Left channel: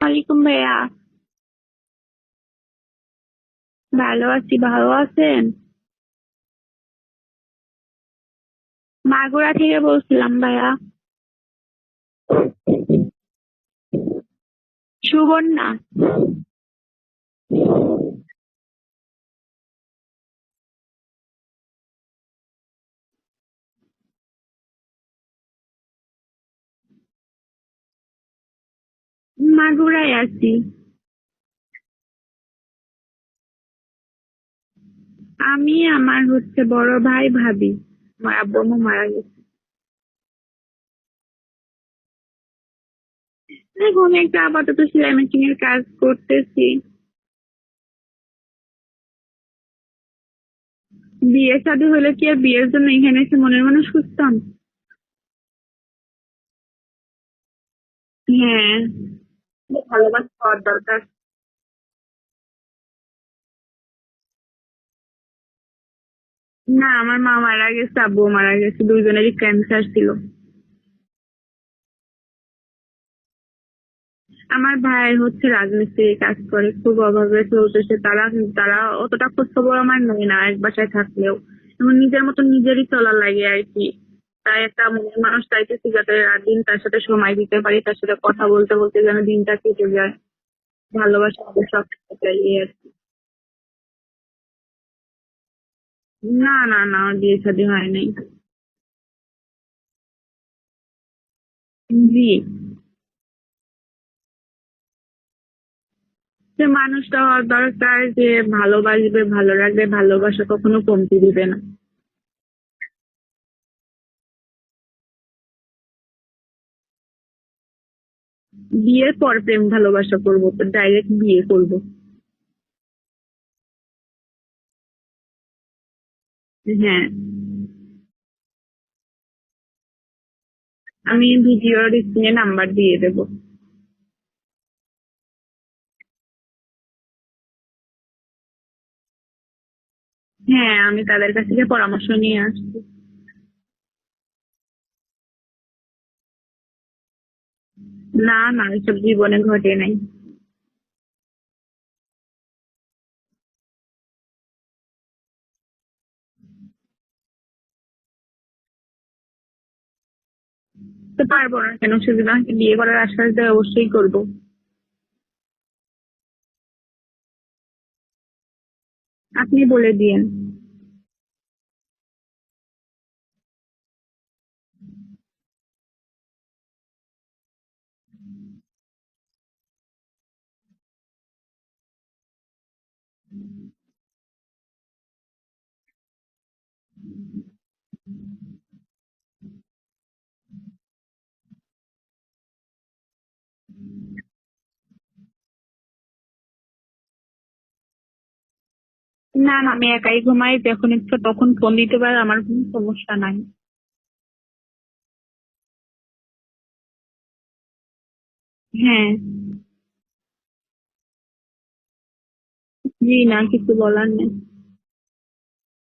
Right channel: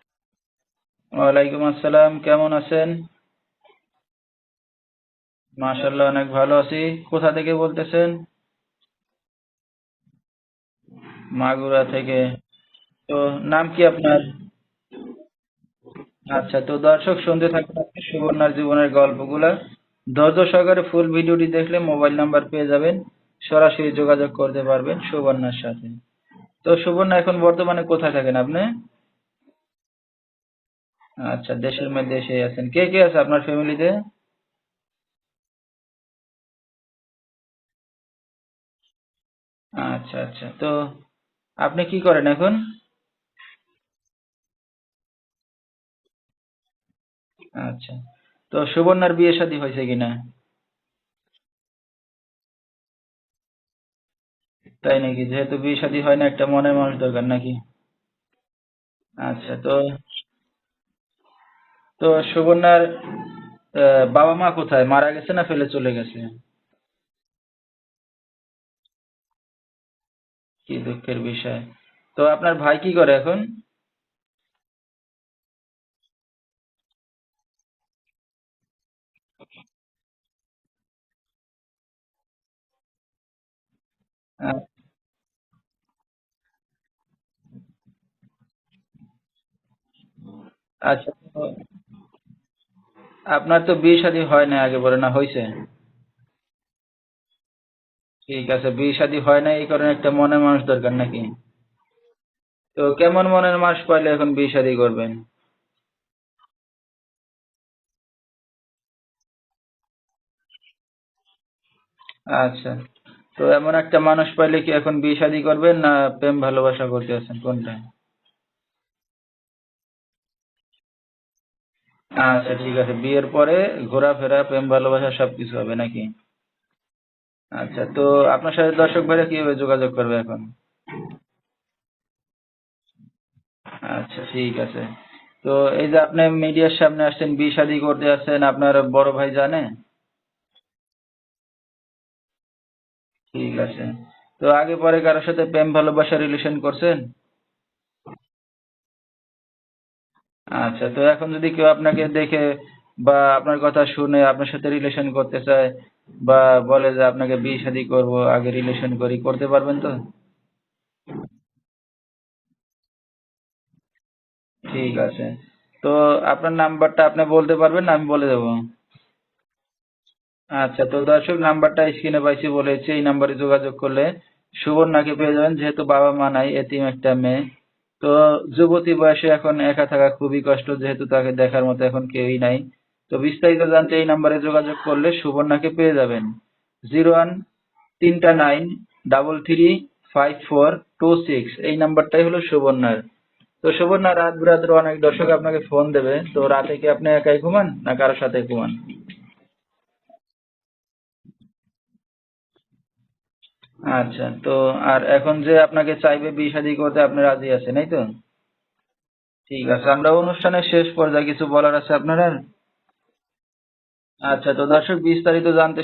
ওয়ালাইকুম ভাইয়া। ওয়ালাইকুম আসসালাম কেমন আছেন? ভালো আছি ভালো আছেন? অনেক ভালো আছি। কোথা থেকে বলতেছেন? মাগুরা থেকে বলছিলাম ভাইয়া। মাগুরা থেকে। তো নাম কি আপনার? সুবর্ণা। আচ্ছা তো দর্শক শুনতে থাকুন সুবর্ণার জীবনের গল্পগুলা। ধৈর্য সহকারে ফুল ভিডিওটি দেখলে মোবাইল নাম্বার পেয়ে যাবেন। সরাসরি যোগাযোগ করতে পারবেন সুবর্ণার সাথে। তো সুবর্ণা এখন বর্তমানে কোথায় থাকেন আপনি? মাগুরায় আছি। আচ্ছা দেশের মধ্যে এসে আছেন। কে কে আছে আপনার ফ্যামিলিতে আমি আমার হচ্ছে বড় ভাই ভাবি। আমার আব্বু আম্মু মারা গেছে। আচ্ছা আচ্ছা। তো আপনি কি করেন এখন? এখন একটা আপাতত সেলাই মেশিন এর কাজ করতেছি। আচ্ছা। তো সুবর্ণার বিয়ে শাদী হয়েছে কিনা? বিয়ে শাদী হলে কি আর বিয়ের জন্য এখানে এসে মনের মানুষ খুঁজতাম? তাই নাকি? যেহেতু বিয়ে শাদী হয় না একটা মনের মানুষ দরকার নাকি? হ্যাঁ। আচ্ছা তো ভালোবাসা হওয়ার দরকার। তো সুবর্ণার বাবা মা কোথায়? মারা গেছে না ফেলে চলে গেছে? না আমার মা মারা গেছে আব্বু মারা গেছে দুইজনেরই ক্যান্সার ছিল। কি দুঃখের বিষয়। তো আপনার ভাই কি করে এখন? আমার ভাই হচ্ছে রাজমিস্ত্রি কাজ করে খুব অভাবে চলতেছে। তারা তারা অতটা খোঁজ খবর আমার নেই না এক বাসায় থাকলেও। এবং নিজের মতো নিজেরই চলার লাগে আর কি। তাই একটা মনের মানুষ চাইতেছি যাতে রাত দিন তার সাথে সময় দিতে পারি তার সাথে কথা বলতে বলতে যেন দিনটা কেটে যায়। আচ্ছা, ভালোবাসা সব চাই। আপনার তো বিয়ে শাদী হয় না আগে বলে না হয়েছে না না না বিয়ে শাদী হয় নাই। ঠিক আছে বিয়ে শাদী হয় না এই কারণে একটা মনের মানুষ দরকার নাকি? জি। তো কেমন মনের মানুষ পাইলে এখন বিয়ে শাদী করবেন? যে মানুষটা দরকার যে ভালোবাসবে ভালো রাখবে ভালোবাসা কখনো কমতি দিবে না। আচ্ছা। তো এমন একটা মানুষ পাইলে কি এখন বিয়ে শাদী করবেন না প্রেম ভালোবাসা করতে আছেন? কোনটা? বিয়ের পর প্রেম ভালোবাসা করব তো ডাইরেক্ট বিয়ে করব। আচ্ছা ঠিক আছে। বিয়ের পরে ঘোরাফেরা প্রেম ভালোবাসা সবকিছু হবে নাকি? হ্যাঁ। আচ্ছা তো আপনার সাথে দর্শক ভাইরা কীভাবে যোগাযোগ করবে এখন? আমি ভিডিওর স্ক্রিনে নাম্বার দিয়ে দেবো। আচ্ছা ঠিক আছে। তো এই যে আপনি মিডিয়ার সামনে আসছেন বিয়ে শাদী করতে আসছেন আপনার বড় ভাই জানে? হ্যাঁ আমি তাদের কাছ থেকে পরামর্শ নিয়ে আসছি। ঠিক আছে। তো আগে পরে কারোর সাথে প্রেম ভালোবাসা রিলেশন করছেন? না না এসব জীবনে ঘটে নাই। আচ্ছা তো এখন যদি কেউ আপনাকে দেখে বা আপনার কথা শুনে আপনার সাথে রিলেশন করতে চায় বা বলে যে আপনাকে বিয়ে শাদী করব আগে রিলেশন করি করতে পারবেন তো? তো পারব না কেন? সে যদি আমাকে বিয়ে করার আশ্বাস দেয় অবশ্যই করব। ঠিক আছে। তো আপনার নাম্বারটা আপনি বলতে পারবেন আমি বলে দেবো। আপনি বলে দিয়েন। আচ্ছা তো দর্শক নাম্বারটা স্ক্রিনে পাইছি বলেছি, এই নাম্বারে যোগাযোগ করলে সুবর্ণাকে পেয়ে যাবেন, যেহেতু বাবা মা নাই, এতিম একটা মেয়ে। তো যুবতী বয়সে এখন একা থাকা খুবই কষ্ট, যেহেতু তাকে দেখার মতো এখন কেউই নাই। তো বিস্তারিত জানতে এই নাম্বারে যোগাযোগ করলে সুবর্ণাকে পেয়ে যাবেন। জিরো ওয়ান তিনটা nine double three five four two six, এই নাম্বারটাই হলো সুবর্ণার। তো সুবর্ণা, রাত বিরাত্রে অনেক দর্শক আপনাকে ফোন দেবে, তো রাতে কি আপনি একাই ঘুমান, না কারোর সাথে ঘুমান? না না আমি একাই ঘুমাই যখন ইচ্ছা তখন ফোন দিতে পারে আমার কোনো সমস্যা নাই। আচ্ছা তো আর এখন যে আপনাকে চাইবে বিয়ে শাদী করতে আপনি রাজি আছেন এই তো? হ্যাঁ। ঠিক আছে আমরা অনুষ্ঠানের শেষ পর্যায়ে কিছু বলার আছে আপনার? আর জি না কিছু বলার নেই। আচ্ছা তো দর্শক বিস্তারিত জানতে